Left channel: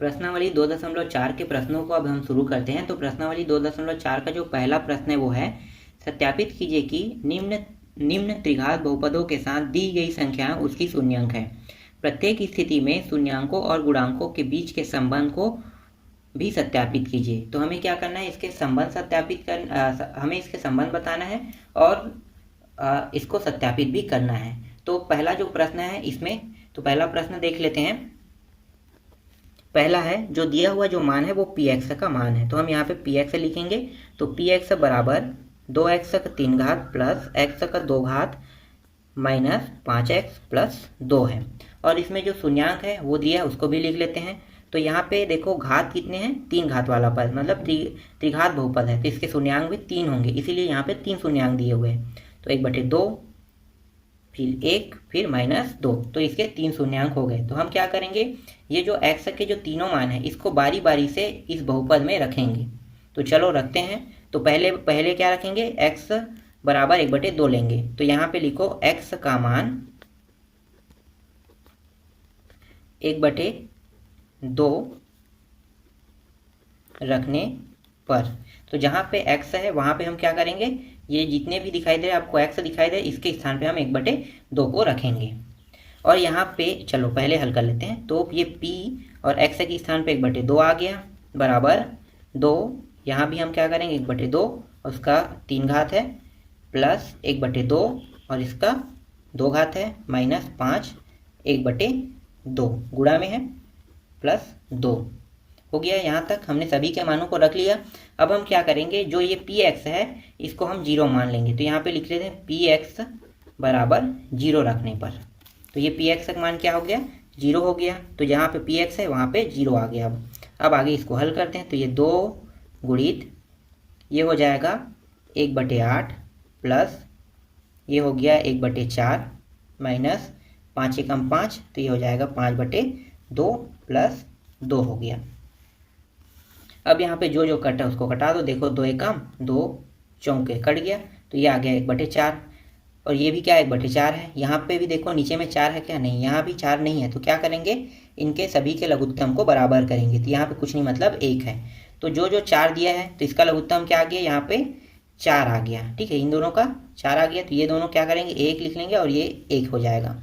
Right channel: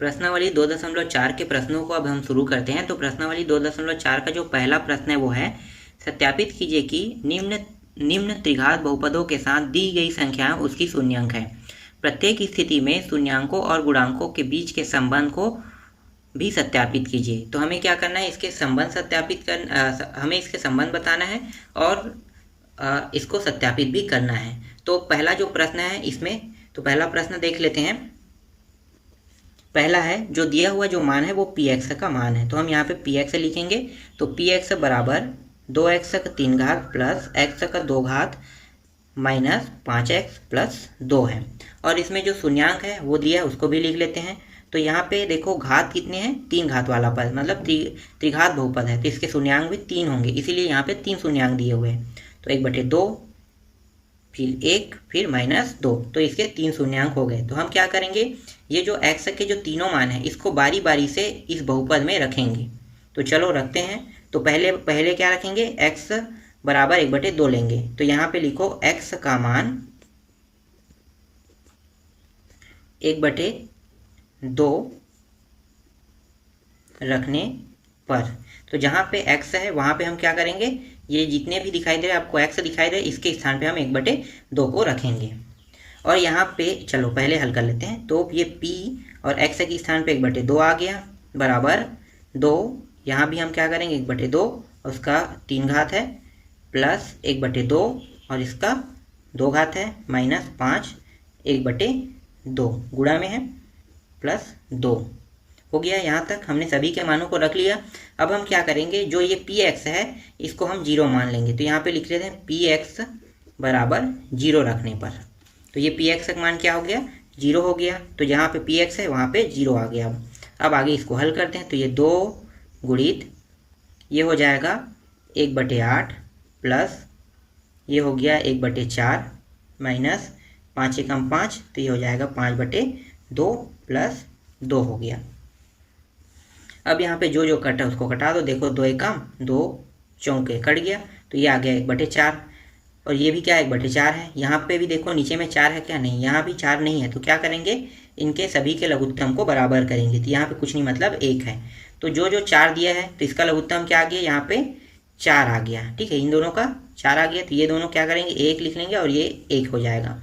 प्रश्नावली 2.4 के प्रश्नों को अब हम शुरू करते हैं। तो प्रश्नावली 2.4 का जो पहला प्रश्न है वो है, सत्यापित कीजिए कि निम्न त्रिघात बहुपदों के साथ दी गई संख्या उसकी शून्यांक है। प्रत्येक स्थिति में शून्यांकों और गुणांकों के बीच के संबंध को भी सत्यापित कीजिए। तो हमें क्या करना है, इसके संबंध हमें इसके संबंध बताना है और इसको सत्यापित भी करना है। तो पहला जो प्रश्न है इसमें, तो पहला प्रश्न देख लेते हैं। पहला है, जो दिया हुआ जो मान है वो पी एक्स का मान है। तो हम यहाँ पे पी एक्स लिखेंगे। तो पी एक्स बराबर 2x का 3 घात प्लस x का 2 घात माइनस 5x प्लस 2 है। और इसमें जो शून्यांक है वो दिया है उसको भी लिख लेते हैं। तो यहाँ पे देखो घात कितने हैं, 3 घात वाला पद, मतलब त्रिघात बहुपद है तो इसके शून्यांक भी 3 होंगे, इसीलिए यहाँ पे 3 शून्यांक दिए हुए हैं। तो 1/2 फिर 1 फिर -2, तो इसके 3 शून्यांक हो गए। तो हम क्या करेंगे, ये जो x के जो तीनों मान है इसको बारी बारी से इस बहुपद में रखेंगे। तो चलो रखते हैं। तो पहले क्या रखेंगे, x बराबर 1/2 लेंगे। तो यहाँ पे लिखो x का मान 1/2 रखने पर, तो जहाँ पे x है वहाँ पे हम क्या करेंगे, ये जितने भी दिखाई दे रहे आपको x दिखाई दे इसके स्थान पे हम 1/2 को रखेंगे। और यहाँ पे चलो पहले हल कर लेते हैं। तो ये p और x के स्थान पे 1/2 आ गया बराबर 2। यहाँ भी हम क्या करेंगे, 1/2 उसका 3 घात है प्लस 1/2 और इसका 2 घात है माइनस 5 1/2 गुणा में है प्लस 2 हो गया। यहाँ तक हमने सभी के मानों को रख लिया। अब हम क्या करेंगे, जो ये पी एक्स है इसको हम 0 मान लेंगे। तो यहाँ पे लिख लेते हैं पी एक्स बराबर 0 रखने पर। तो ये पी एक्स का मान क्या हो गया, 0 हो गया। तो जहाँ पे पी एक्स है वहाँ पे 0 आ गया। अब आगे इसको हल करते हैं। तो ये 2 गुणित ये हो जाएगा 1/8 प्लस ये हो गया 1/4 माइनस 5 एकम 5, तो ये हो जाएगा 5/2 प्लस 2 हो गया। अब यहाँ पे जो जो कटा उसको कटा दो। देखो 2 एकम 2 चौके कट गया, तो ये आ गया 1/4 और ये भी क्या 1/4 है। यहाँ पे भी देखो नीचे में 4 है क्या, नहीं, यहाँ भी 4 नहीं है। तो क्या करेंगे, इनके सभी के लघुत्तम को बराबर करेंगे। तो यहाँ पे कुछ नहीं मतलब 1 है। तो जो जो 4 दिया है तो इसका लघुत्तम क्या आ गया, यहाँ पे 4 आ गया। ठीक है, इन दोनों का 4 आ गया। तो ये दोनों क्या करेंगे, 1 लिख लेंगे और ये 1 हो जाएगा।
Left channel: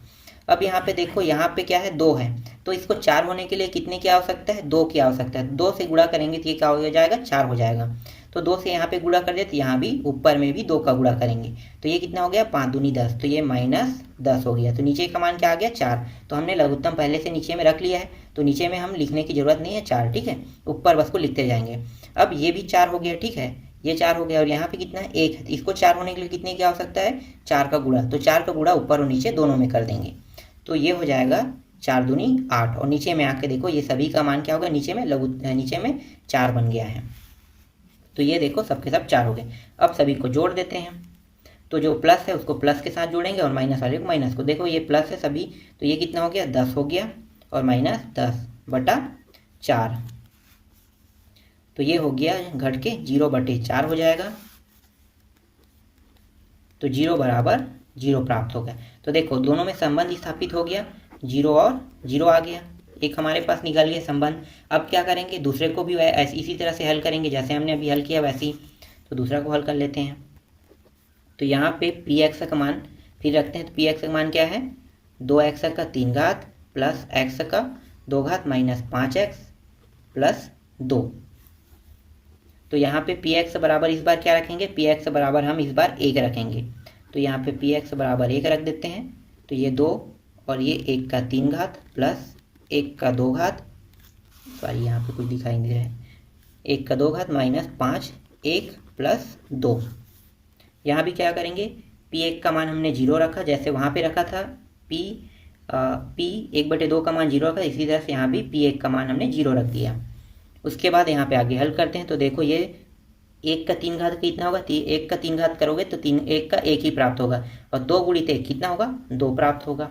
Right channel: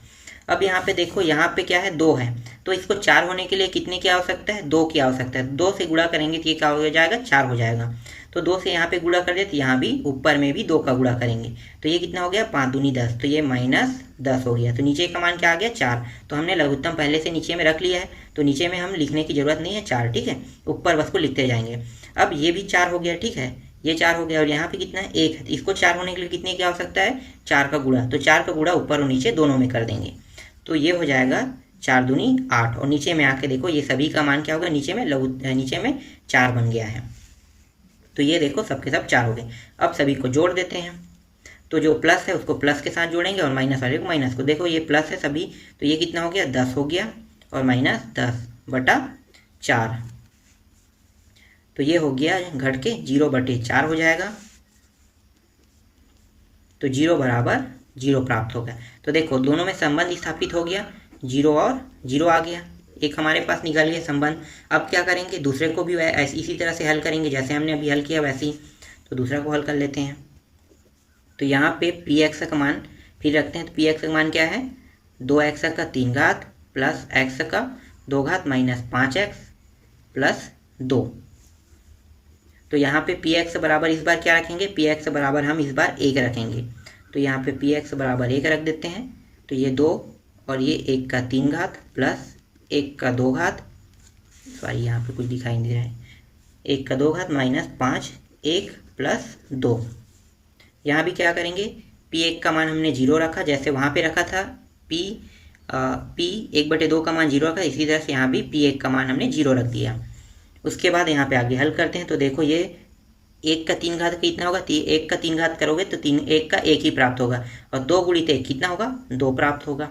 अब यहाँ पे देखो, यहाँ पे क्या है 2 है, तो इसको 4 होने के लिए कितने की आवश्यकता है, 2 की आवश्यकता है। 2 से गुणा करेंगे तो ये क्या हो जाएगा, 4 हो जाएगा। तो 2 से यहाँ पे गुणा कर दे तो यहाँ भी ऊपर में भी 2 का गुणा करेंगे। तो ये कितना हो गया, 5 दूनी 10, तो ये -10 हो गया। तो नीचे का मान क्या आ गया, 4। तो हमने लघुत्तम पहले से नीचे में रख लिया है, तो नीचे में हम लिखने की जरूरत नहीं है 4। ठीक है, ऊपर बस को लिखते जाएंगे। अब ये भी 4 हो गया। ठीक है, ये 4 हो गया और यहाँ पे कितना है, 1 है। इसको 4 होने के लिए कितने की आवश्यकता है, 4 का गुणा। तो 4 का गुणा ऊपर और नीचे दोनों में कर देंगे। तो ये हो जाएगा 4 दूनी 8 और नीचे में आके देखो ये सभी का मान क्या होगा, नीचे में 4 बन गया है। तो ये देखो सबके सब 4 हो गए। अब सभी को जोड़ देते हैं। तो जो प्लस है उसको प्लस के साथ जोड़ेंगे और माइनस वाले को माइनस को। देखो ये प्लस है सभी, तो ये कितना हो गया, 10 हो गया और -10/4। तो ये हो गया घट के 0/4 हो जाएगा। तो 0 बराबर 0 प्राप्त हो गया। तो देखो दोनों में संबंध स्थापित हो गया, 0 और 0 आ गया, एक हमारे पास निकल गया संबंध। अब क्या करेंगे, दूसरे को भी इसी तरह से हल करेंगे जैसे हमने अभी हल किया वैसे ही। तो दूसरा को हल कर लेते हैं। तो यहाँ पे पी एक्स का मान फिर रखते हैं। तो पी एक्स का मान क्या है, 2x का 3 घात प्लस x का 2 घात माइनस 5x प्लस 2। तो यहाँ पे पी एक्स बराबर इस बार क्या रखेंगे, पी एक्स बराबर हम इस बार 1 रखेंगे। तो यहाँ पे पी एक्स बराबर 1 रख देते हैं। तो ये 2 और ये 1 का 3 घात प्लस 1 का 2 घात, सॉरी यहाँ पे कुछ दिखाई नहीं दे रहा है, 1 का 2 घात माइनस 5 1 प्लस 2। यहाँ भी क्या करेंगे, P1 का मान हमने 0 रखा जैसे वहाँ पे रखा था। P 1/2 का मान 0 रखा, इसी तरह से यहाँ भी P1 का मान हमने 0 रख दिया। उसके बाद यहाँ पे आगे हल करते हैं। तो देखो ये 1 का 3 घात कितना होगा, 1 का 3 घात करोगे तो 1 का 1 ही प्राप्त होगा और 2 गुणित 1 कितना होगा, 2 प्राप्त होगा।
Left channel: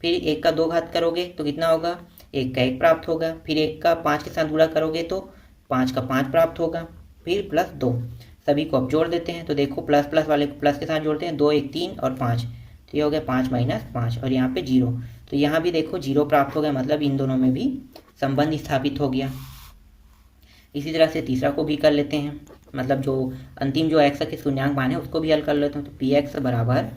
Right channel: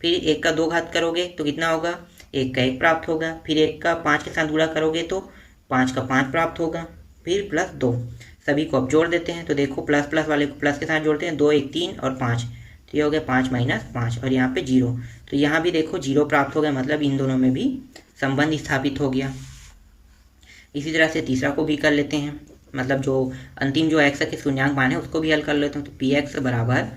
फिर 1 का 2 घात करोगे तो कितना होगा, 1 का 1 प्राप्त होगा। फिर 1 का 5 के साथ गुणा करोगे तो 5 का 5 प्राप्त होगा। फिर प्लस 2, सभी को अब जोड़ देते हैं। तो देखो प्लस प्लस वाले को प्लस के साथ जोड़ते हैं, 2 1 3 और 5, तो ये हो गया 5 - 5 और यहाँ पे 0। तो यहाँ भी देखो 0 प्राप्त हो गया, मतलब इन दोनों में भी संबंध स्थापित हो गया। इसी तरह से तीसरा को भी कर लेते हैं, मतलब जो अंतिम जो x के शून्यांक मान है उसको भी हल कर लेते हैं। तो पी एक्स बराबर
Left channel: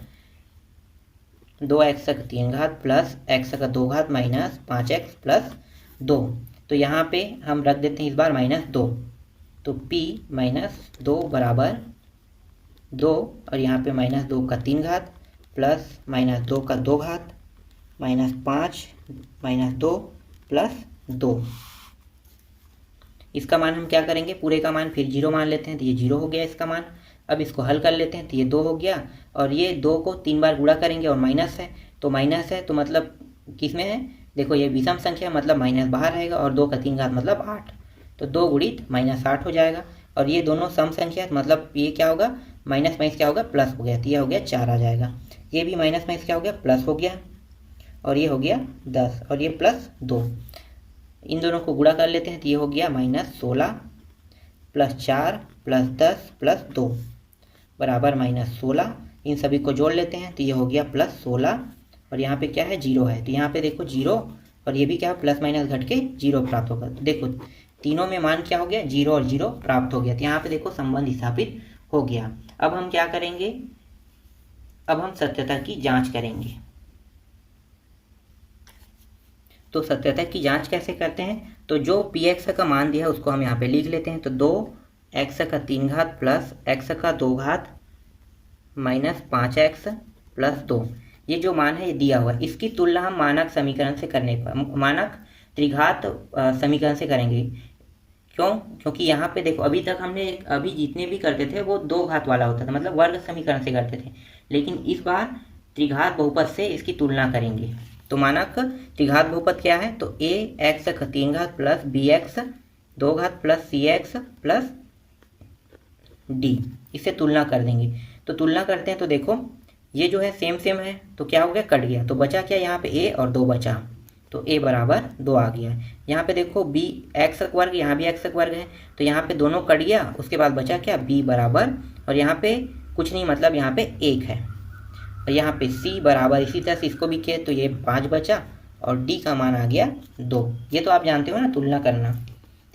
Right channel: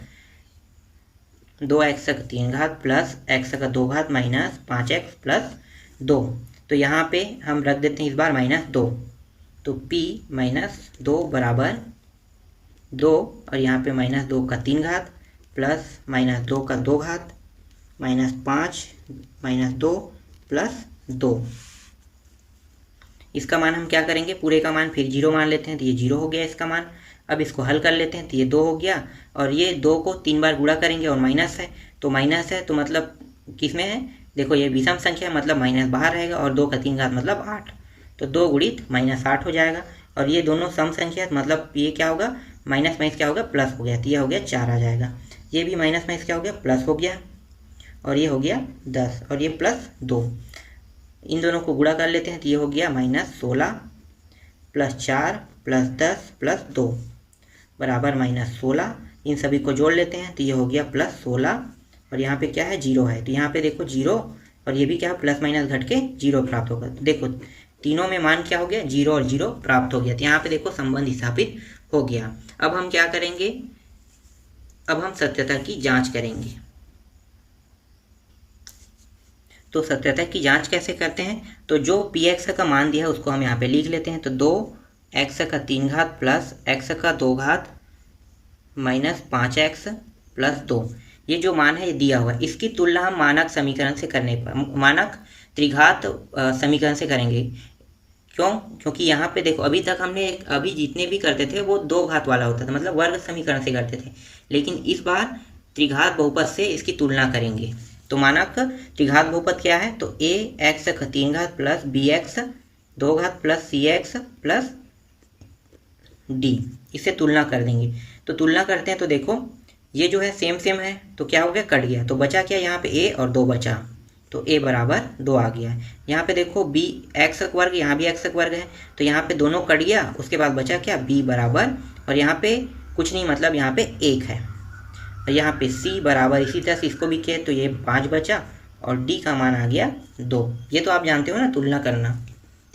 2x का 3 घात प्लस x का 2 घात माइनस 5x प्लस 2। तो यहाँ पे हम रख देते हैं इस बार -2। तो p -2 बराबर 2 और यहाँ पे -2 का 3 घात प्लस -2 का 2 घात -5 -2 प्लस 2। इसका मान हम क्या करेंगे, पूरे का मान फिर 0 मान लेते हैं। तो ये 0 हो गया इसका मान। अब इसको हल कर लेते हैं। तो ये 2 हो गया और ये 2 को 3 बार गुणा करेंगे और माइनस है तो मतलब किस में है, देखो ये विषम संख्या मतलब माइनस बाहर रहेगा और 2 का 3 घात मतलब 8। तो 2 गुणित -8 हो जाएगा। और ये दोनों सम संख्या मतलब ये क्या होगा, माइनस माइनस क्या होगा, प्लस हो गया। तो ये हो गया 4 आ जाएगा। ये भी माइनस माइनस क्या हो गया, प्लस हो गया। और ये हो गया 10 और ये +2। इन दोनों को गुणा कर लेते हैं। तो ये हो गया -16 + 4 + 10 + 2 बराबर -16। इन सभी को जोड़ लेते हैं। तो ये हो गया +16 और यहाँ पे क्या है, 0 है। तो यहाँ पे देखो 0 और ये भी क्या है, प्लस माइनस घट के 0 प्राप्त होगा। तो देखो तीनों में मान क्या हो गया, 0 और 0 प्राप्त हो गया। तो यहाँ पे देखो संबंध स्थापित हो गया। अब हम क्या करेंगे, अब हम सत्यता की जांच करेंगे। तो सत्यता की जांच कैसे करते हैं, तो जो px का मान दिया है उसको हम यहाँ पे लिख लेते हैं। तो 2x का 3 घात प्लस x का 2 घात माइनस 5x प्लस 2, ये जो मान है ये दिया हुआ है। इसकी तुलना हम मानक समीकरण से करने पर, मानक त्रिघात समीकरण से करेंगे। क्यों, क्योंकि यहाँ पे देखो अभी तक हमने अभी जितने भी करते थे वो 2 घात वाला होता था, मतलब वर्ग समीकरण से करते थे। लेकिन इस बार त्रिघात बहुपद से इसकी तुलना करेंगे। तो मानक त्रिघात बहुपद क्या है, तो ax का 3 घात प्लस bx 2 घात प्लस cx प्लस d, इससे तुलना कर देंगे। तो तुलना करते हैं तो देखो ये जो है सेम सेम है, तो क्या हो गया, कट गया। तो बचा क्या, यहाँ पे a और 2 बचा। तो a बराबर 2 आ गया। यहाँ पे देखो b x वर्ग, यहाँ भी x वर्ग है। तो यहाँ पे दोनों कट गया, उसके बाद बचा क्या, b बराबर, और यहाँ पे कुछ नहीं मतलब यहाँ पे 1 है। और यहाँ पे c बराबर, इसी तरह से इसको भी किया तो ये 5 बचा और d का मान आ गया 2। ये तो आप जानते हो ना तुलना करना,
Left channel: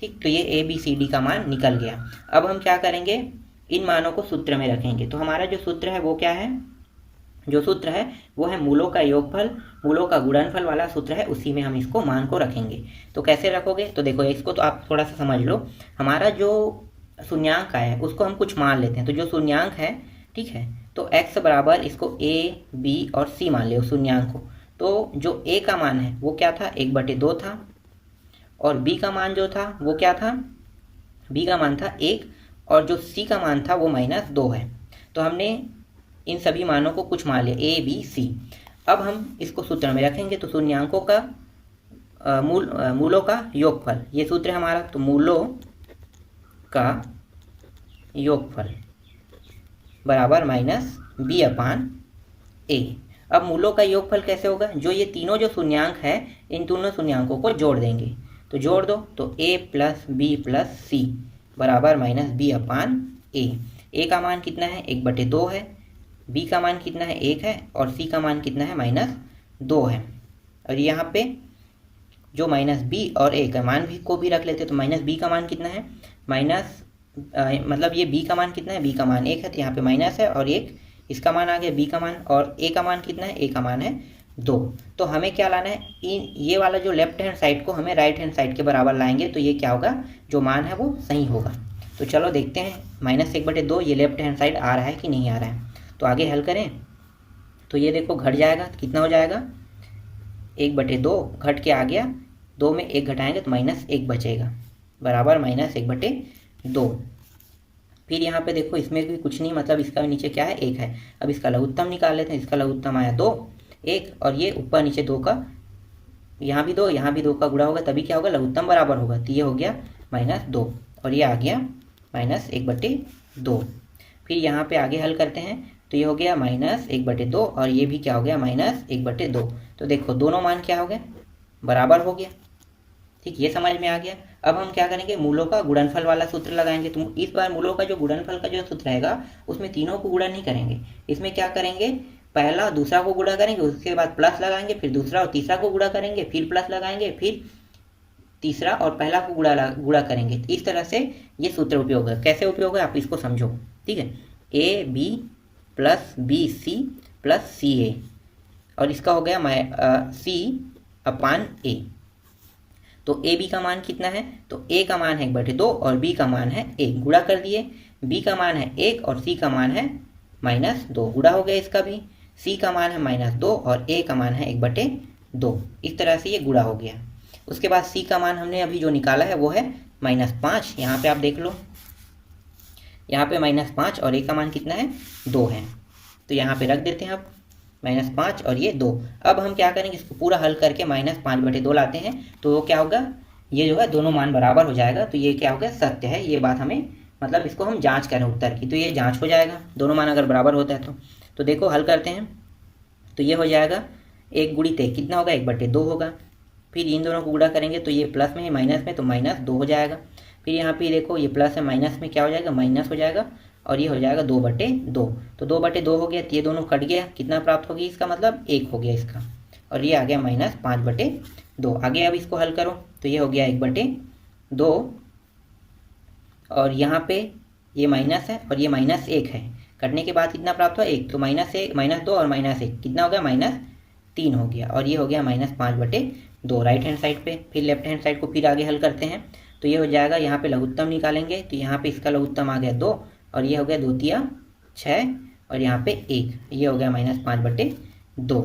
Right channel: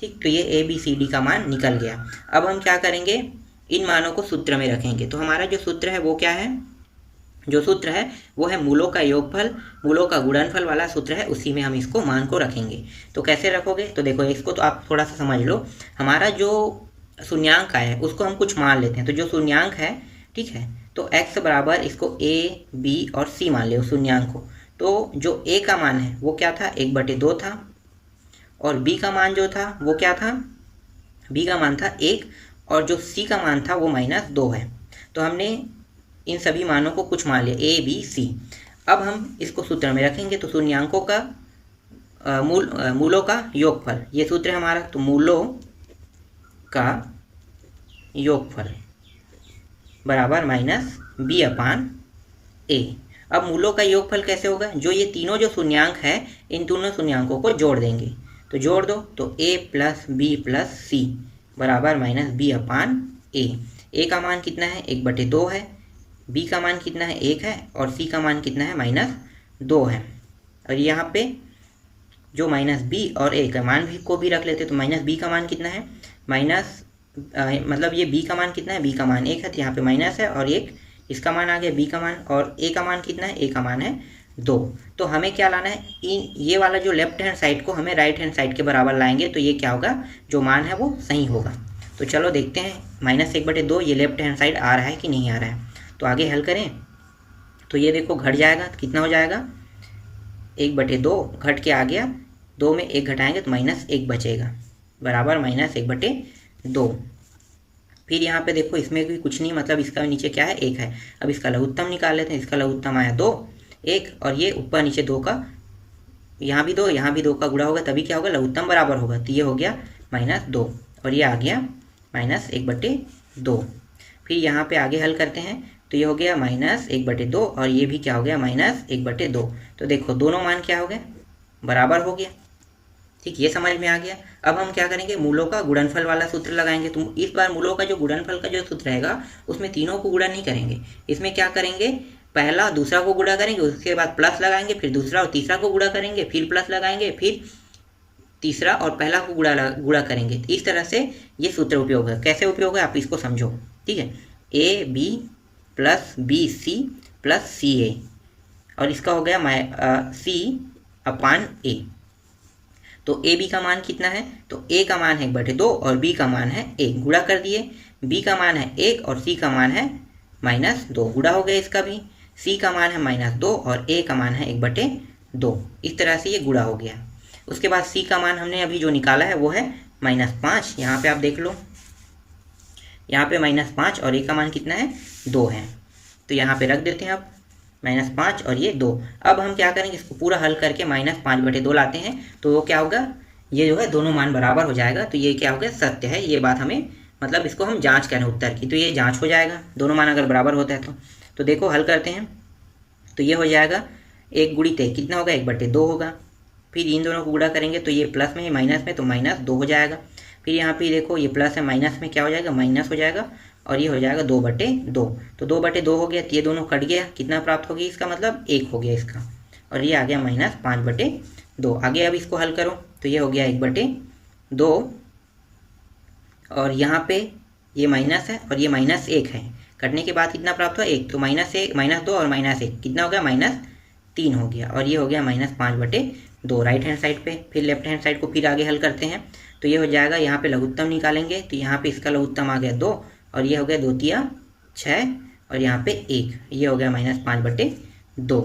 ठीक। तो ये a b c d का मान निकल गया। अब हम क्या करेंगे, इन मानों को सूत्र में रखेंगे। तो हमारा जो सूत्र है वो क्या है, जो सूत्र है वो है मूलों का योगफल, मूलों का गुणनफल वाला सूत्र है, उसी में हम इसको मान को रखेंगे। तो कैसे रखोगे, तो देखो इसको तो आप थोड़ा सा समझ लो। हमारा जो शून्यांक है उसको हम कुछ मान लेते हैं। तो जो शून्यांक है, ठीक है, तो x बराबर इसको a b और c मान ले शून्यांक को। तो जो a का मान है वो क्या था, 1/2 था। और b का मान जो था वो क्या था, b का मान था 1 और जो c का मान था वो -2 है। तो हमने इन सभी मानों को कुछ मान लिया a b c। अब हम इसको सूत्र में रखेंगे। तो शून्यांकों का मूलों का योगफल, ये सूत्र है हमारा। तो मूलों का योगफल बराबर -b/a। अब मूलों का योगफल कैसे होगा, जो ये तीनों जो शून्यांक है इन तीनों शून्यांकों को जोड़ देंगे। तो जोड़ दो, तो a + b + c बराबर -b/a। a का मान कितना है, 1/2 है। b का मान कितना है, 1 है। और c का मान कितना है, -2 है। और यहाँ पे जो -b और a का मान भी को भी रख लेते। तो -b का मान कितना है, मतलब ये b का मान कितना है, b का मान 1 है। तो यहाँ पे माइनस है और 1 इसका मान आ गया b का मान। और a का मान कितना है, a का मान है 2। तो हमें क्या लाना है, ये वाला जो लेफ्ट हैंड साइड को हमें राइट हैंड साइड के बराबर लाएंगे। तो ये क्या होगा, जो मान है वो सही होगा। तो चलो देखते हैं, -1/2 ये लेफ्ट हैंड साइड आ रहा है कि नहीं आ रहा है। तो आगे हल करें तो ये देखो घट जाएगा। तो कितना हो जाएगा, 1/2 घट के आ गया, 2 में 1 घटाएंगे तो -1 बचेगा बराबर -1/2। फिर यहाँ पे देखो इसमें भी कुछ नहीं, मतलब इसका नीचे क्या है, 1 है। अब इसका लघुत्तम निकाल लेते हैं। इसका लघुत्तम आया 2, 1 और ये ऊपर नीचे 2 का, यहाँ भी 2 यहाँ भी 2 का गुणा होगा, तभी क्या होगा, लघुत्तम बराबर होगा। तो ये हो गया -2 और ये आ गया -1/2। फिर यहाँ पे आगे हल करते हैं। तो ये हो गया -1/2 और ये भी क्या हो गया, -1/2। तो देखो दोनों मान क्या हो गए, बराबर हो गया, ठीक। ये समझ में आ गया। अब हम क्या करेंगे, मूलों का गुणनफल वाला सूत्र लगाएंगे। तो इस बार मूलों का जो गुणनफल का जो सूत्र रहेगा उसमें तीनों को गुणा नहीं करेंगे। इसमें क्या करेंगे, पहला दूसरा को गुणा करेंगे, उसके बाद प्लस लगाएंगे, फिर दूसरा और तीसरा को गुणा करेंगे, फिर प्लस लगाएंगे, फिर तीसरा और पहला को गुणा करेंगे। तो इस तरह से ये सूत्र उपयोग है। कैसे उपयोग है आप इसको समझो, ठीक है। A B plus B C plus C A, और इसका हो गया सी अपान ए। तो ए बी का मान कितना है, तो ए का मान है 1/2 और बी का मान है 1, गुणा कर दिए। बी का मान है 1 और सी का मान है -2, गुणा हो गया इसका भी। सी का मान है -2 और ए का मान है 1/2। इस तरह से ये गुणा हो गया। उसके बाद सी का मान हमने अभी जो निकाला है वो है -5। यहाँ पे आप देख लो, यहाँ पे -5 और ए का मान कितना है 2 है। तो यहाँ पे रख देते हैं अब -5 और ये 2। अब हम क्या करेंगे, इसको पूरा हल करके -5/2 लाते हैं। तो क्या होगा, ये जो है दोनों मान बराबर हो जाएगा। तो ये क्या हो गया, सत्य है। ये बात हमें मतलब इसको हम जांच करें उत्तर की, तो ये जांच हो जाएगा दोनों मान अगर बराबर होता है तो देखो हल करते हैं। तो ये हो जाएगा 1 गुणित 1 कितना होगा, 1/2 होगा। फिर इन दोनों को गुणा करेंगे तो ये प्लस में है माइनस में, तो -2 हो जाएगा। फिर यहाँ पे देखो ये प्लस है माइनस में क्या हो जाएगा, माइनस हो जाएगा और ये हो जाएगा 2/2। तो 2/2 हो गया, तो ये दोनों कट गया। कितना प्राप्त हो गया, इसका मतलब 1 हो गया इसका, और ये आ गया -5/2। आगे अब इसको हल करो तो ये हो गया 1/2 और यहाँ पे ये माइनस है और ये -1 है। कटने के बाद कितना प्राप्त हुआ, 1। तो -2 और -1 कितना हो गया, -3 हो गया, और ये हो गया -5/2 राइट हैंड साइड पे। फिर लेफ्ट हैंड साइड को फिर आगे हल करते हैं। तो ये हो जाएगा, यहाँ पे लघुत्तम निकालेंगे तो यहाँ पे इसका लघुत्तम आ गया 2 और ये हो गया 2 तिया 6 और यहाँ पे 1, ये हो गया -5/2।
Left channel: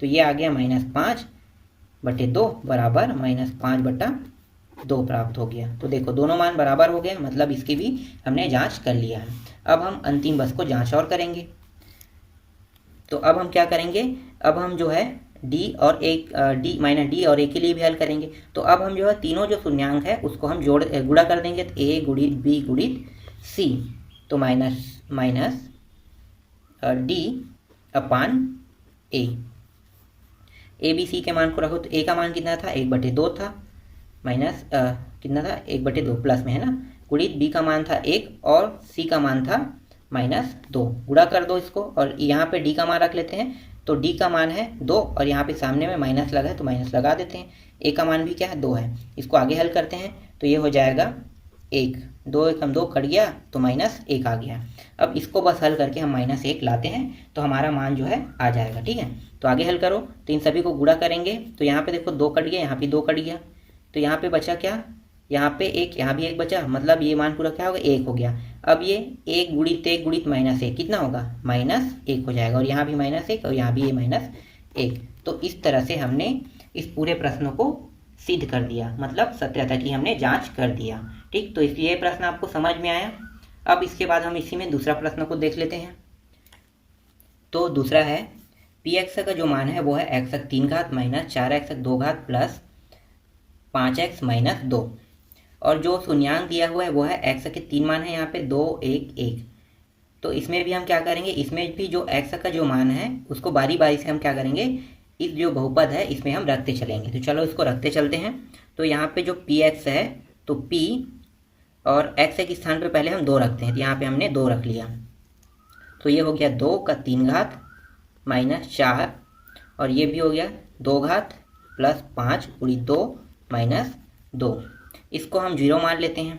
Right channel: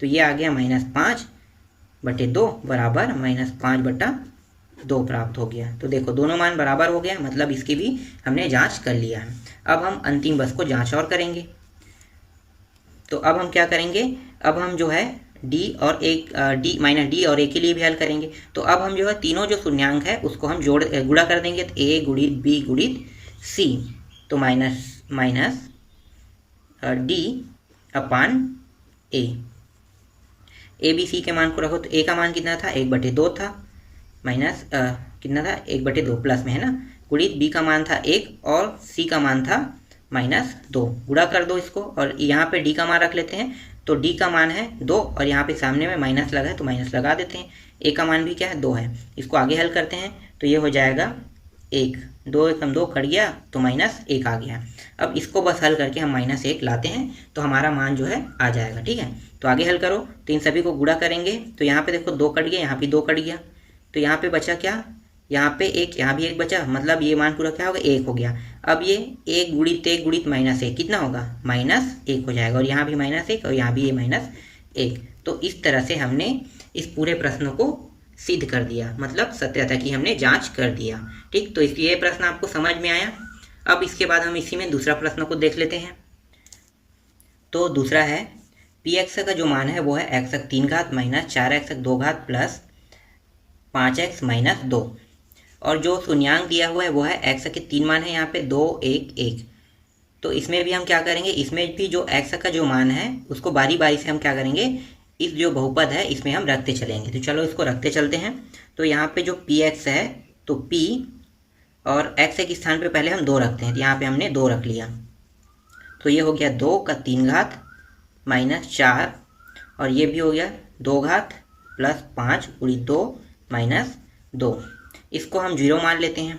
तो ये आ गया -5/2 बराबर -5/2 प्राप्त हो गया। तो देखो दोनों मान बराबर हो गया, मतलब इसकी भी हमने जांच कर लिया है। अब हम अंतिम बस को जांच और करेंगे। तो अब हम क्या करेंगे, अब हम जो है डी और ए के लिए भी हल करेंगे। तो अब हम जो है तीनों जो शून्यांक है उसको हम गुणा कर देंगे। तो ए गुणित बी गुणित सी, तो minus D upon A B C के मान को रखो। तो ए का मान कितना था, 1/2 था, माइनस कितना था 1/2 प्लस में है ना, गुणित बी का मान था 1 और सी का मान था -2, गुणा कर दो इसको। और यहाँ पे डी का मान रख लेते हैं। तो डी का मान है 2 और यहाँ पे सामने में माइनस लगा है तो माइनस लगा देते हैं। ए का मान भी क्या है, 2 है। इसको आगे हल करते हैं तो ये हो जाएगा 1, 2 एकम 2 कट गया तो -1 आ गया। अब इसको बस हल करके हम -1 लाते हैं तो हमारा मान जो है आ जाएगा, ठीक है। तो आगे हल करो तो इन सभी को गुणा करेंगे। तो यहाँ पे देखो 2 कट गया, यहाँ पे 2 कट गया, तो यहाँ पे बचा क्या, यहाँ पे 1, यहाँ भी 1 बचा, मतलब ये मान पूरा क्या हो गया, 1 हो गया। अब ये 1 गुणित 1 गुणित -1 कितना होगा, -1 हो जाएगा, और यहाँ भी -1 और यहाँ भी ये -1। तो इस तरह से हमने इस पूरे प्रश्न को सिद्ध कर दिया, मतलब सत्यता की हमने जांच कर दिया, ठीक। तो इसलिए ये प्रश्न आपको समझ में आया। अब इसके बाद हम इसी में दूसरा प्रश्न को देख लेते हैं। तो दूसरा है px का जो मान है वो है x3 घात माइनस 4x2 घात प्लस 5x माइनस 2, और जो शून्यांक दिया हुआ है वो है x के 3 मान है यहाँ पे 2, 1, 1। तो इसमें भी हम क्या करेंगे, इसमें भी जो x का जो मान है उसको बारी बारी से हम क्या करेंगे, इस जो बहुपद है इसमें हम रखते चलेंगे। तो चलो इसको रखते चलते हैं। तो यहाँ पे जो px है तो p और x के स्थान पे पहले हम 2 रखते हैं, तो यहाँ पे हमने 2 रख लिया। तो ये हो गया 2 का 3 घात माइनस 4 और ये भी हो गया 2 घात प्लस 5 गुणित 2 माइनस 2। इसको हम 0 मान लेते हैं।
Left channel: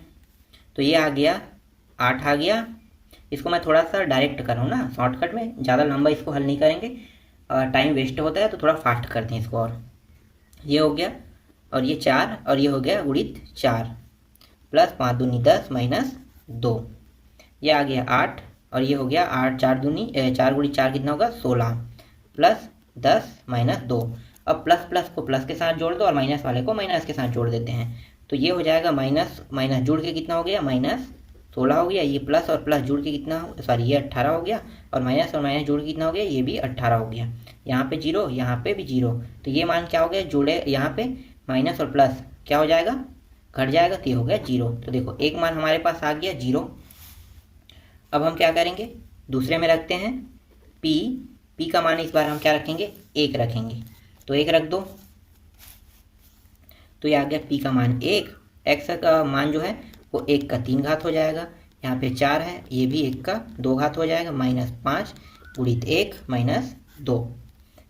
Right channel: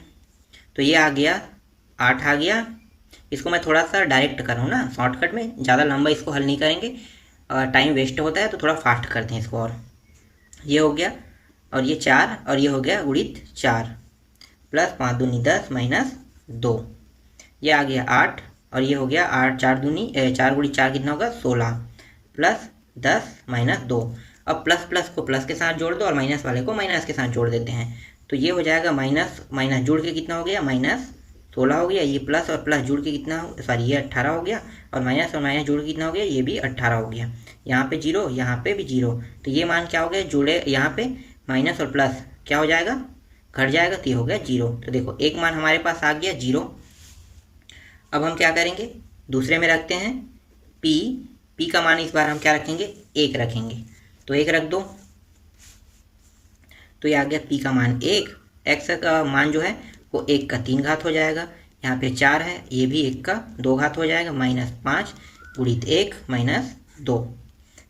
तो ये आ गया 8 आ गया। इसको मैं थोड़ा सा डायरेक्ट कर रहा हूँ ना, शॉर्टकट में, ज़्यादा लंबा इसको हल नहीं करेंगे, टाइम वेस्ट होता है, तो थोड़ा फास्ट करते हैं इसको। और ये हो गया और ये 4 और ये हो गया गुणित 4 प्लस 5 दूनी 10 माइनस 2, ये आ गया 8 और ये हो गया 8 4 दूनी 4 गुणित 4 कितना होगा 16 प्लस 10 माइनस 2। अब प्लस प्लस को प्लस के साथ जोड़ दो और माइनस वाले को माइनस के साथ जोड़ देते हैं। तो ये हो जाएगा माइनस माइनस जुड़ के कितना हो गया, -16 हो गया। ये प्लस और प्लस जुड़ के कितना हो, सॉरी ये 18 हो गया, और माइनस जुड़ के कितना हो गया, ये भी 18 हो गया। यहाँ पे 0, यहाँ पे भी 0, तो ये मान क्या हो गया, जुड़े यहाँ पे माइनस और प्लस क्या हो जाएगा, घट जाएगा, तो ये हो गया 0। तो देखो एक मान हमारे पास आ गया 0। अब हम क्या करेंगे, दूसरे में रखते हैं p का मान इस बार हम क्या रखेंगे, 1 रखेंगे। तो 1 रख दो, तो ये आ गया p का मान 1, x का मान जो है वो 1 का 3 घात हो जाएगा। यहाँ पे 4 है, ये भी 1 का 2 घात हो जाएगा, -5 गुणित 1 माइनस 2।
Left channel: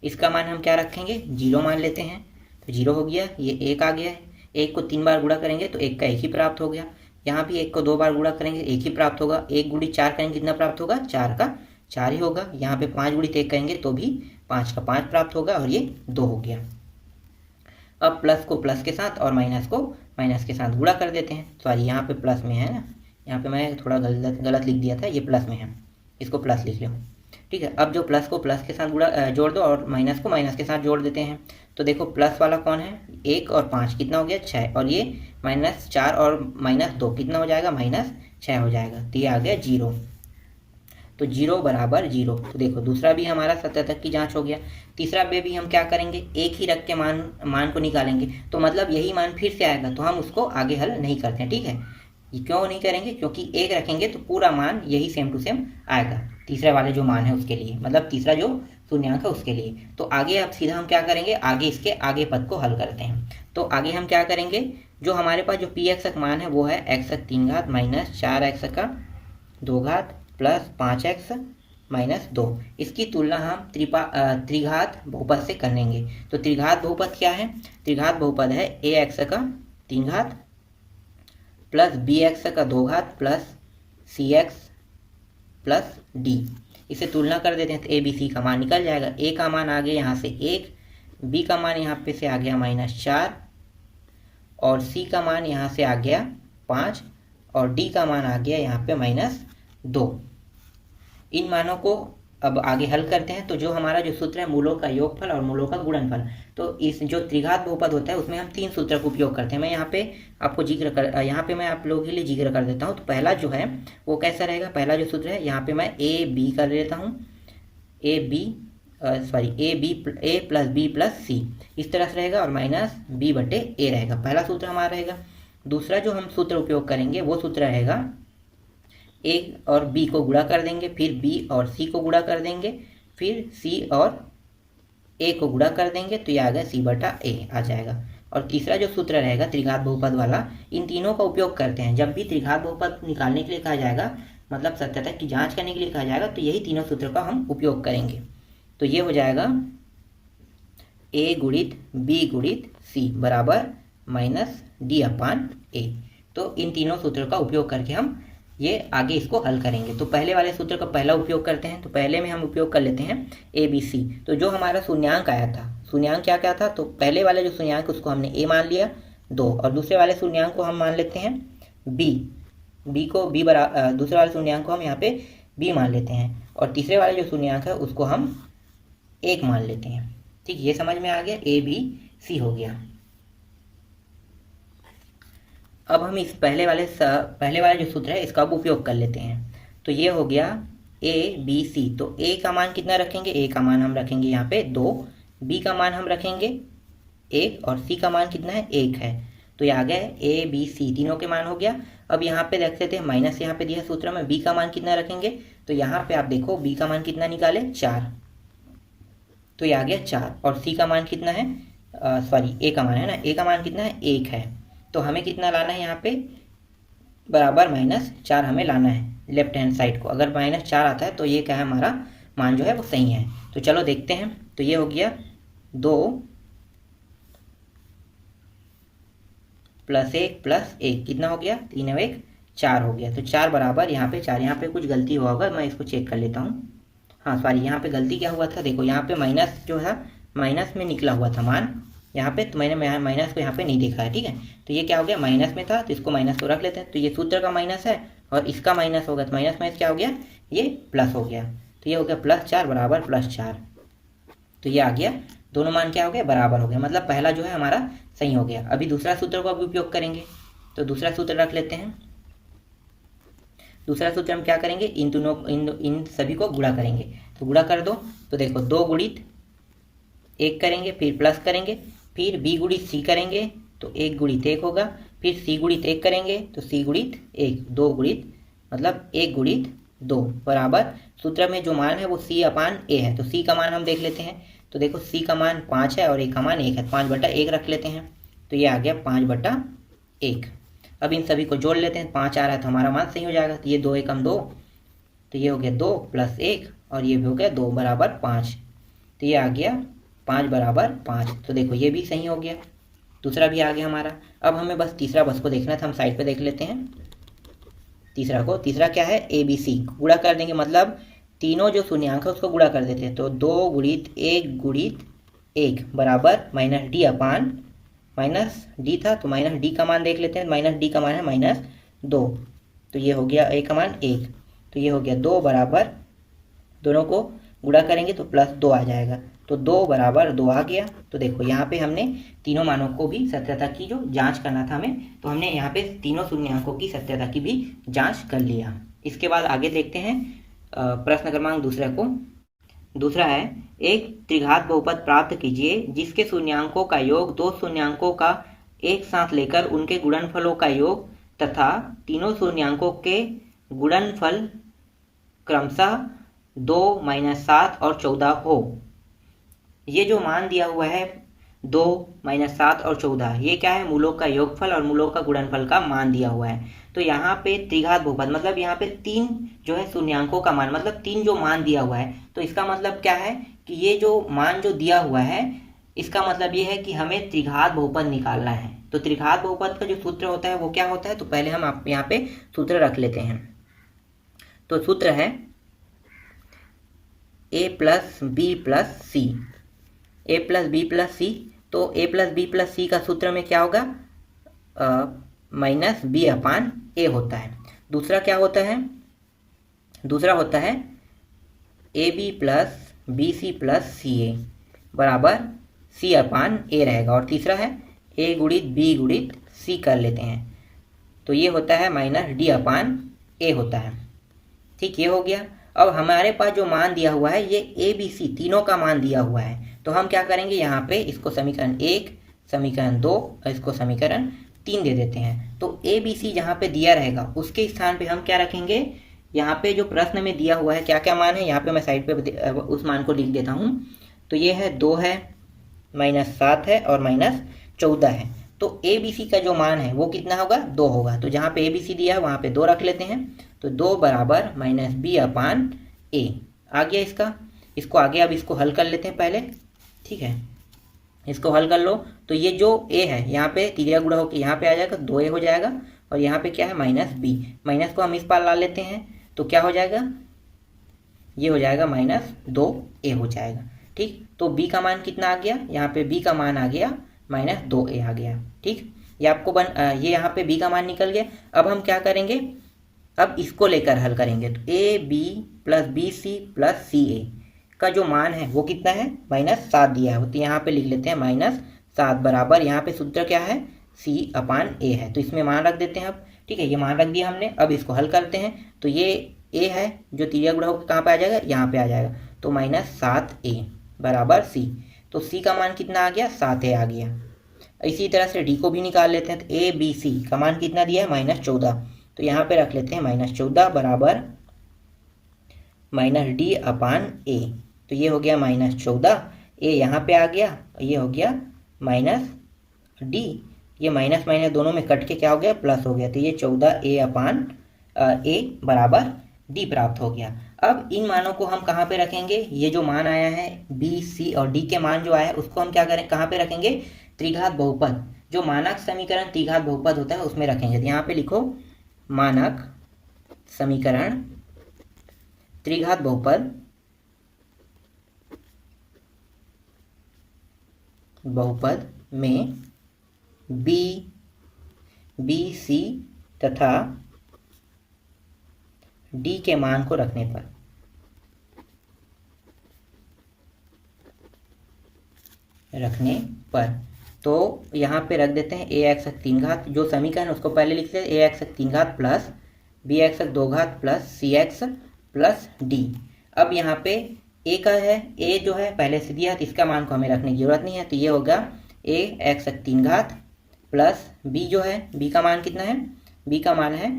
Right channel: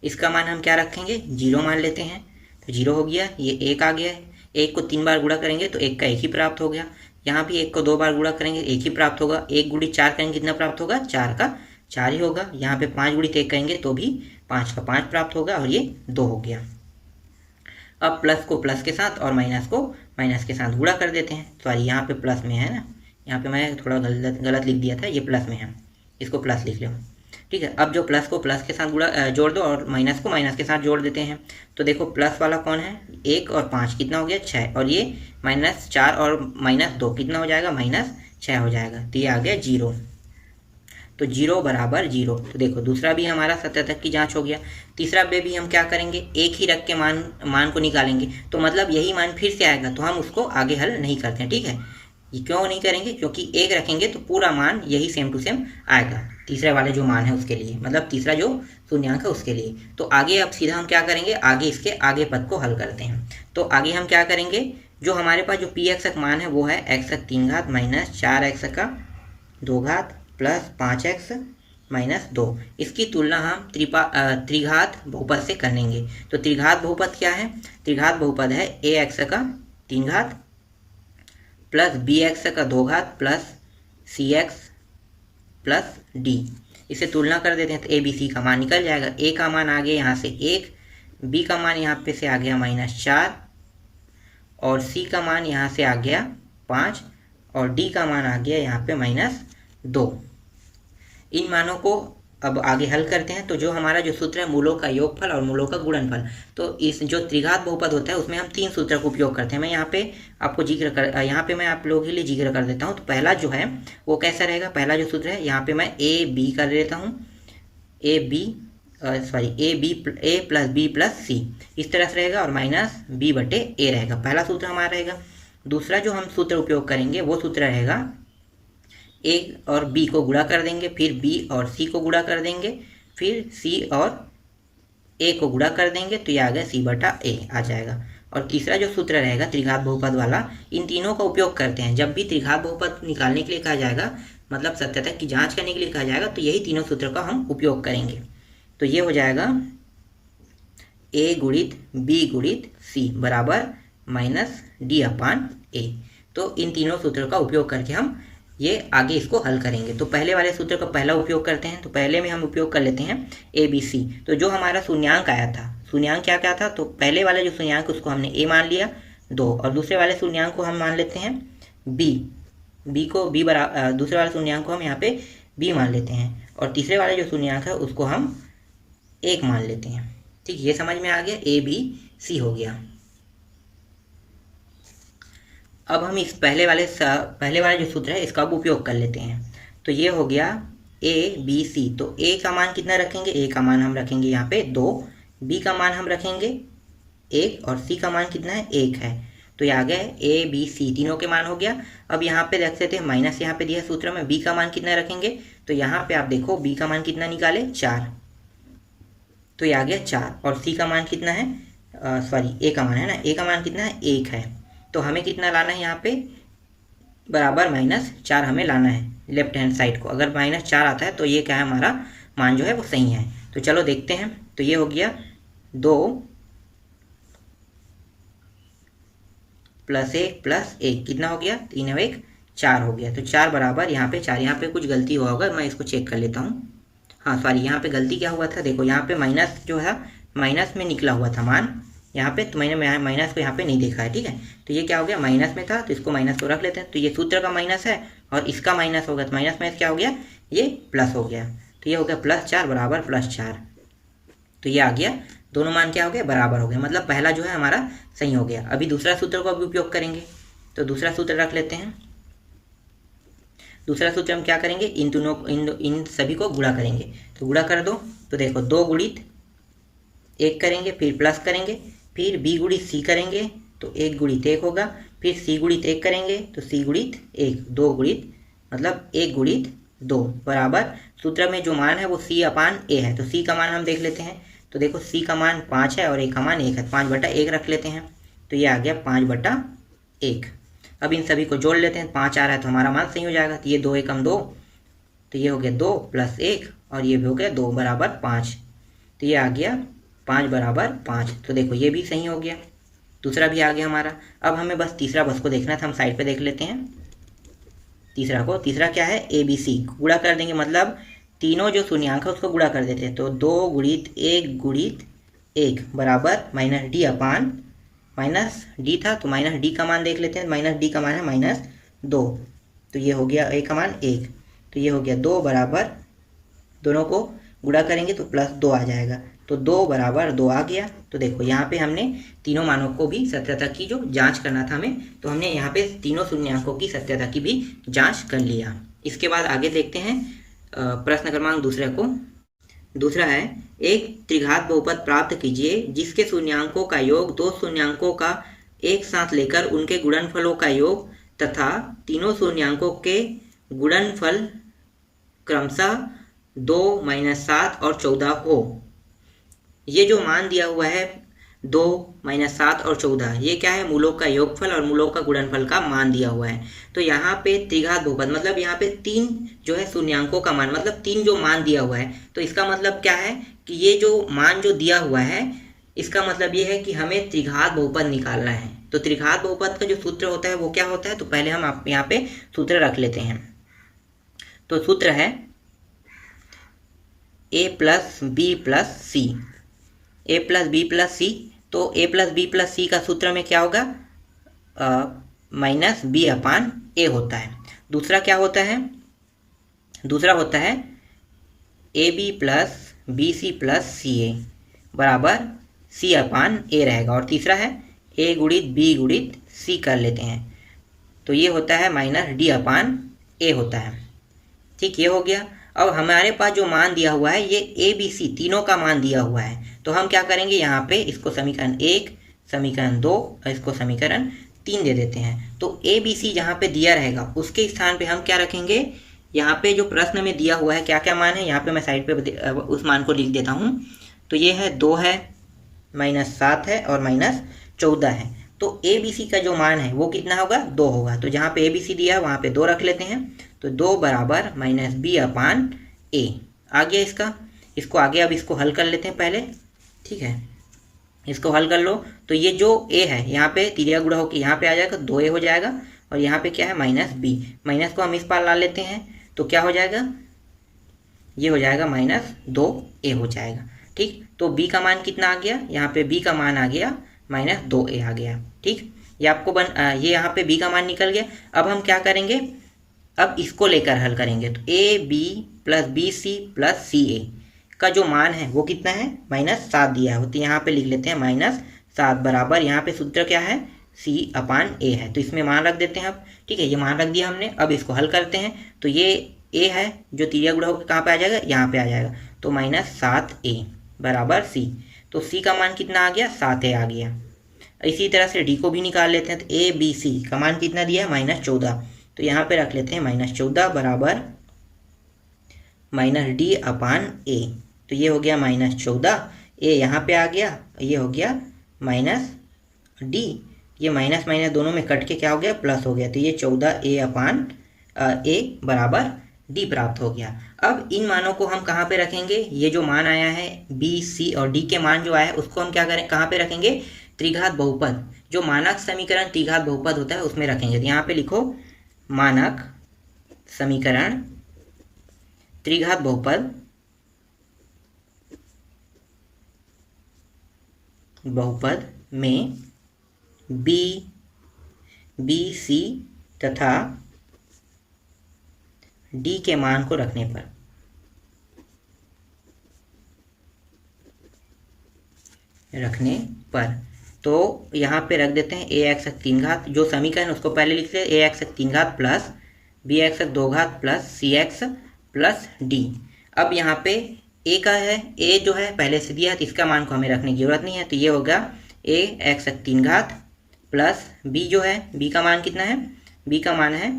इसका मान हम क्या रखेंगे, 0 मान लेते हैं। तो 0 हो गया, ये 1 आ गया है, 1 को 3 बार गुणा करेंगे तो 1 का 1 ही प्राप्त हो गया। यहाँ भी 1 को 2 बार गुणा करेंगे 1 ही प्राप्त होगा। 1 गुणित 4 करेंगे कितना प्राप्त होगा, 4 का 4 ही होगा। यहाँ पे 5 गुणित 1 करेंगे तो भी 5 का 5 प्राप्त होगा और ये 2 हो गया। अब प्लस को प्लस के साथ और माइनस को माइनस के साथ गुणा कर देते हैं। सॉरी, यहाँ पे प्लस में है ना, यहाँ पे मैं थोड़ा गलत लिख दिया था, ये प्लस में है, इसको प्लस लिख लो। ठीक है, अब जो प्लस को प्लस के साथ जोड़ दो और माइनस को माइनस के साथ जोड़ देते हैं। तो देखो प्लस वाला कौन है, 1 और 5 कितना हो गया, 6, और ये -4 और -2 कितना हो जाएगा, -6 हो जाएगा। तो ये आ गया 0। तो 0 बराबर 0। तो देखो दूसरा भी हमारा सत्यात्मक की जांच हो गया। तीसरा पे भी हम क्या करेंगे, एक ही रख के मान को निकालेंगे। तो मतलब यही मान फिर से आएगा, तो हम उसको आगे हल नहीं करते हैं। ठीक है, ये क्यों नहीं करेंगे, क्योंकि एक रखेंगे तो पूरा मान यही सेम टू सेम आएगा, तीसरे वाले जो मान है उसके लिए, मतलब तीसरा जो शून्यांक है उसके लिए। तो आगे अब सीधा हम क्या करेंगे, आगे इसके आगे पद को हल करते हैं। तो आगे हम क्या करेंगे, जो हमारे पास जो पी एक्स मान है वो है x3 - 4x 2 प्लस 5x - 2। इसकी तुलना हम त्रिघात बहुपद से करेंगे। तो त्रिघात बहुपद क्या है, त्रिघात बहुपद है ax3 plus bx 2 plus cx plus d। इसे तुलना कर देते हैं तो a b c का मान निकल जाएगा। a का मान आ गया यहाँ से 1, b का मान यहाँ पे से आ गया -4 और c का मान यहाँ से आ गया 5 और d का मान आ गया यहाँ पे -2। इन मानों को अब आगे हल करते हैं। तो जो हमारा जो सूत्र है मूलों का योगफल और मूलों का गुणनफल, तो इस जो त्रिघात बहुपद होता है उसमें हम 3 सूत्र का उपयोग करते हैं। मैं यहाँ पे आपको यहाँ पे मैं आप लोगों के लिए जिक्र कर देता हूँ। तो पहला जो है वो कैसा रहेगा, पहला जो सूत्र है यहाँ पे मैं ए बी कर देता हूँ, ए प्लस बी प्लस सी इस तरह से रहेगा और -b/a रहेगा, पहला सूत्र हमारा रहेगा। दूसरा जो हम सूत्र उपयोग करेंगे वो सूत्र रहेगा a और b को गुणा कर देंगे, फिर b और c को गुणा कर देंगे, फिर c और a को गुणा कर देंगे, तो ये आ गया c/a आ जाएगा। और तीसरा जो सूत्र रहेगा त्रिघात बहुपद वाला, इन तीनों का उपयोग करते हैं। जब भी त्रिघात बहुपद निकालने के लिए कहा जाएगा, मतलब सत्यता की जांच करने के लिए कहा जाएगा, तो यही तीनों सूत्र का हम उपयोग करेंगे। तो ये हो जाएगा a गुणित b गुणित c बराबर -d/a। तो इन तीनों सूत्रों का उपयोग करके हम ये आगे इसको हल करेंगे। तो पहले वाले सूत्र का पहला उपयोग करते हैं। तो पहले में हम उपयोग कर लेते हैं ABC। तो जो हमारा शून्यांक आया था, शून्यांक क्या क्या था, तो पहले वाला जो शून्यांक उसको हमने A मान लिया 2, और दूसरे वाले शून्यांक को हम मान लेते हैं B को दूसरे वाले शून्यांक को हम यहाँ पे B मान लेते हैं, और तीसरे वाले जो शून्यांक है उसको हम 1 मान लेते हैं। ठीक, ये समझ में आ गया, ABC हो गया। अब हम इस पहले वाला जो सूत्र है इसका अब उपयोग कर लेते हैं। तो ये हो गया ABC। तो A का मान कितना रखेंगे, A का मान हम रखेंगे यहाँ पे 2, B का मान हम रखेंगे 1 और C का मान कितना है, 1 है। तो ये आ गया ABC, तीनों के मान हो गया। अब यहाँ पे देख सकते हैं माइनस यहाँ पे दिया सूत्र में, B का मान कितना रखेंगे, तो यहाँ पे आप देखो B का मान कितना निकाले 4, तो ये आ गया 4, और C का मान कितना है, A का मान है ना, A का मान कितना है, 1 है। तो हमें कितना लाना है यहाँ पे, बराबर -4 हमें लाना है लेफ्ट हैंड साइड को। अगर -4 आता है तो ये क्या है, हमारा मान जो है वो सही है। तो चलो देखते हैं। तो ये हो गया 2 + 1 + 1 कितना हो गया, 3 और 1 4 हो गया। तो 4 बराबर यहाँ पे 4, यहाँ पे कुछ गलती हुआ होगा, मैं इसको चेक कर लेता हूँ। हाँ सॉरी, यहाँ पे गलती क्या हुआ था, देखो यहाँ पे माइनस जो है माइनस में निकला हुआ था मान यहाँ पे, तो मैंने माइनस को यहाँ पे नहीं देखा है। ठीक है, तो ये क्या हो गया, माइनस में था तो इसको माइनस को रख लेते हैं। तो ये सूत्र का माइनस है और इसका माइनस होगा, तो माइनस में क्या हो गया, ये प्लस हो गया। तो ये हो गया +4 बराबर +4। तो ये आ गया, दोनों मान क्या हो गया, बराबर हो गया, मतलब पहला जो है हमारा सही हो गया। अभी दूसरा सूत्र को अभी उपयोग करेंगे। तो दूसरा सूत्र रख लेते हैं। दूसरा सूत्र हम क्या करेंगे, इन सभी को गुणा करेंगे। तो गुणा कर दो, तो देखो 2 गुणित 1 करेंगे, फिर प्लस करेंगे, फिर b गुणित c करेंगे तो 1 गुणित 1 होगा, फिर c गुणित 1 करेंगे तो c गुणित 1, 2 गुणित मतलब 1 गुणित 2 बराबर, सूत्र में जो मान है वो c/a है। तो c का मान हम देख लेते हैं। तो देखो c का मान 5 है और a का मान 1 है, 5/1 रख लेते हैं। तो ये आ गया 5/1। अब इन सभी को जोड़ लेते हैं, 5 आ रहा है तो हमारा मान सही हो जाएगा। तो ये 2 × 2, तो ये हो गया 2 + 1 और ये भी हो गया 2 बराबर 5। तो ये आ गया 5 बराबर 5। तो देखो ये भी सही हो गया। दूसरा भी आ गया हमारा। अब हमें बस तीसरा बस को देखना था, हम साइड पे देख लेते हैं तीसरा को। तीसरा क्या है, ABC गुणा कर देंगे, मतलब तीनों जो शून्यांक है उसको गुणा कर देते हैं। तो 2 गुणित 1 बराबर minus D upon minus D था तो माइनस डी का मान देख लेते हैं। माइनस डी का मान है -2, तो ये हो गया a का मान 1, तो ये हो गया 2 बराबर, दोनों को गुणा करेंगे तो +2 आ जाएगा, तो 2 बराबर 2 आ गया। तो देखो यहाँ पे हमने तीनों मानों को भी सत्यता की जो जांच करना था हमें, तो हमने यहाँ पे तीनों शून्यांकों की सत्यता की भी जांच कर लिया। इसके बाद आगे देखते हैं प्रश्न क्रमांक दूसरे को। दूसरा है, एक त्रिघात बहुपद प्राप्त कीजिए जिसके शून्यांकों का योग दो शून्यांकों का एक साथ लेकर उनके गुणनफलों का योग तथा तीनों शून्यांकों के गुणनफल क्रमशः 2, -7 और 14 हो। ये जो मान दिया हुआ है 2, -7 और 14, ये क्या है, मूलों का योगफल और मूलों का गुणनफल का मान दिया हुआ है। तो यहाँ पे त्रिघात बहुपद मतलब यहाँ पे 3 जो है शून्यांकों का मान, मतलब 3 जो मान दिया हुआ है, तो इसका मतलब क्या है कि ये जो मान जो दिया हुआ है इसका मतलब ये है कि हमें त्रिघात बहुपद निकालना है। तो त्रिघात बहुपद का जो सूत्र होता है वो क्या होता है, तो पहले हम आप यहाँ पे सूत्र रख लेते हैं। तो सूत्र है a + b + c, a + b + c। तो a + b + c का सूत्र में क्या होगा, -b/a होता है। दूसरा क्या होता है, दूसरा होता है ab + bc + ca बराबर c/a रहेगा। और तीसरा है a × b × c कर लेते हैं, तो ये होता है -d/a होता है। ठीक, ये हो गया। अब हमारे पास जो मान दिया हुआ है ये ABC तीनों का मान दिया हुआ है, तो हम क्या करेंगे, यहाँ पे इसको समीकरण 1, समीकरण 2 और इसको समीकरण 3 दे देते हैं। तो ABC जहाँ पे दिया रहेगा उसके स्थान पे हम क्या रखेंगे, यहाँ पे जो प्रश्न में दिया हुआ है क्या क्या मान है, यहाँ पे मैं साइड पे उस मान को लिख देता हूँ। तो ये है 2 है, -7 है और -14 है। तो ABC का जो मान है वो कितना होगा, 2 होगा। तो जहाँ पे ABC दिया है वहाँ पे 2 रख लेते हैं। तो 2 बराबर -b/a आ गया इसका। इसको आगे अब इसको हल कर लेते हैं पहले, ठीक है। इसको हल कर लो तो ये जो a है यहाँ पे तिरिया गुणा होकर यहाँ पे आ जाएगा, 2a हो जाएगा। और यहाँ पे क्या है, -b, माइनस को हम इस पार ला लेते हैं तो क्या हो जाएगा, ये हो जाएगा -2a हो जाएगा। ठीक, तो b का मान कितना आ गया, यहाँ पे b का मान आ गया -2a आ गया। ठीक, ये आपको ये यहाँ पे b का मान निकल गया। अब हम क्या करेंगे, अब इसको लेकर हल करेंगे। तो ab + bc + ca का जो मान है वो कितना है, -7 दिया है, तो यहाँ पे लिख लेते हैं -7 बराबर, यहाँ पे सूत्र क्या है, c/a है, तो इसमें मान रख देते हैं अब। ठीक है, ये मान रख दिया हमने। अब इसको हल करते हैं तो ये a है जो तिरिया गुणा होकर कहाँ पे आ जाएगा, यहाँ पे आ जाएगा। तो -7a बराबर c, तो c का मान कितना आ गया, 7a आ गया। इसी तरह से d को भी निकाल लेते हैं। तो ABC का मान कितना दिया है, -14, तो यहाँ पे रख लेते हैं -14 बराबर -d/a। तो ये हो गया -14, a यहाँ पे आ गया, ये हो गया -d, ये माइनस माइनस दोनों में कट के क्या हो गया, प्लस हो गया। तो ये 14a/a बराबर d प्राप्त हो गया। अब इन मानों को हम कहाँ पे रखेंगे, ये जो मान आया है b, c और d के मान जो आया है उसको हम क्या करें, कहाँ पे रखेंगे, त्रिघात बहुपद, जो मानक समीकरण त्रिघात बहुपद होता है उसमें रखेंगे। तो यहाँ पे लिखो मानक समीकरण त्रिघात बहुपद में b, c तथा d के मान को रखने पर तो यहाँ पे रख देते हैं ax 3 घात, जो समीकरण उसको पहले लिखते हैं ax 3 घात प्लस bx 2 घात प्लस cx प्लस d। अब यहाँ पे a का है, a जो है पहले से दिया है तो इसका मान को हमें रखने की जरूरत नहीं है, तो ये होगा ax 3 घात प्लस b जो है, b का मान कितना है, b का मान है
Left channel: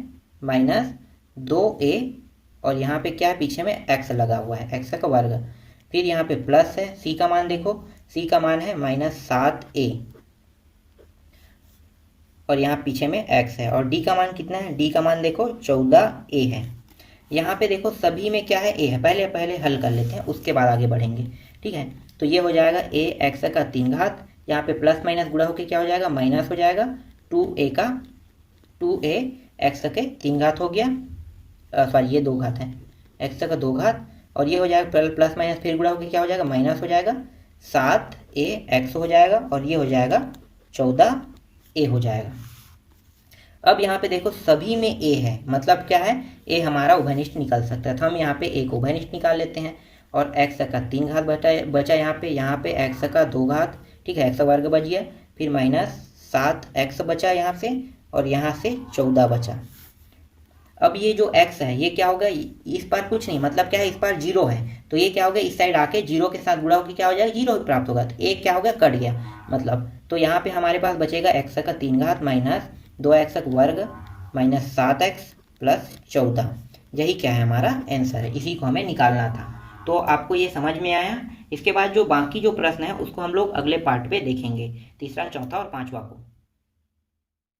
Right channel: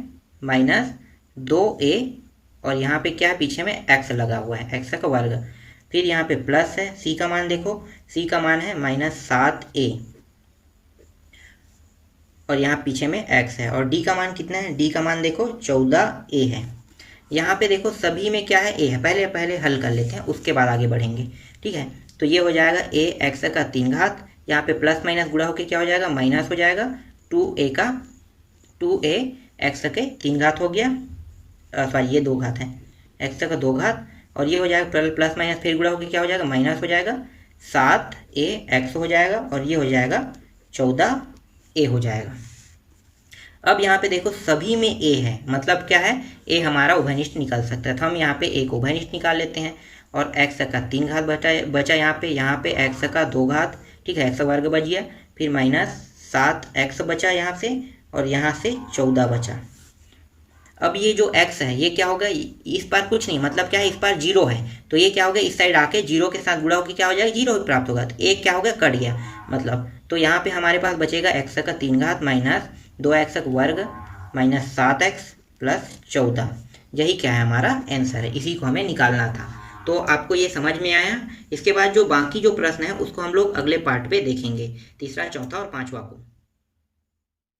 -2a और यहाँ पे क्या है, पीछे में x लगा हुआ है, x का वर्ग। फिर यहाँ पे प्लस है, c का मान देखो, c का मान है -7a और यहाँ पीछे में x है। और d का मान कितना है, d का मान देखो 14a है। यहाँ पे देखो सभी में क्या है, a है। पहले हल कर लेते हैं उसके बाद आगे बढ़ेंगे, ठीक है। तो ये हो जाएगा ax का 3 घात, यहाँ पे प्लस माइनस गुणा होकर क्या हो जाएगा, माइनस हो जाएगा। 2a का 2a x के 3 घात हो गया, सॉरी ये 2 घात है, x का 2 घात, और ये हो जाएगा प्लस माइनस फिर गुणा होकर क्या हो जाएगा, माइनस हो जाएगा, 7a x हो जाएगा, और ये हो जाएगा 14a हो जाएगा। अब यहाँ पे देखो सभी में a है, मतलब क्या है, a हमारा उभयनिष्ठ निकल सकता है, तो हम यहाँ पे a को उभयनिष्ठ निकाल लेते हैं। और x का 3 घात बचा यहाँ पे x का 2 घात, ठीक है, x वर्ग बच गया, फिर माइनस 7x बचा यहाँ से, और यहाँ से 14 बचा। अब ये जो x है ये क्या होगा, इस पार कुछ नहीं, मतलब क्या है, इस पार 0 है, तो ये क्या होगा, इस साइड आके 0 के साथ गुणा होकर क्या हो जाएगा, 0 प्राप्त होगा, तो एक क्या होगा, कट गया, मतलब तो यहाँ पे हमारे पास बचेगा x का 3 घात माइनस 2x वर्ग माइनस 7x प्लस 14। यही क्या है, हमारा आंसर है, इसी को हमें निकालना था। तो आपको ये समझ में आया। इसके बाद जो बाकी जो प्रश्न है उसको हम लोग अगले पार्ट पे देखेंगे, तीसरा, चौथा और पांचवा को।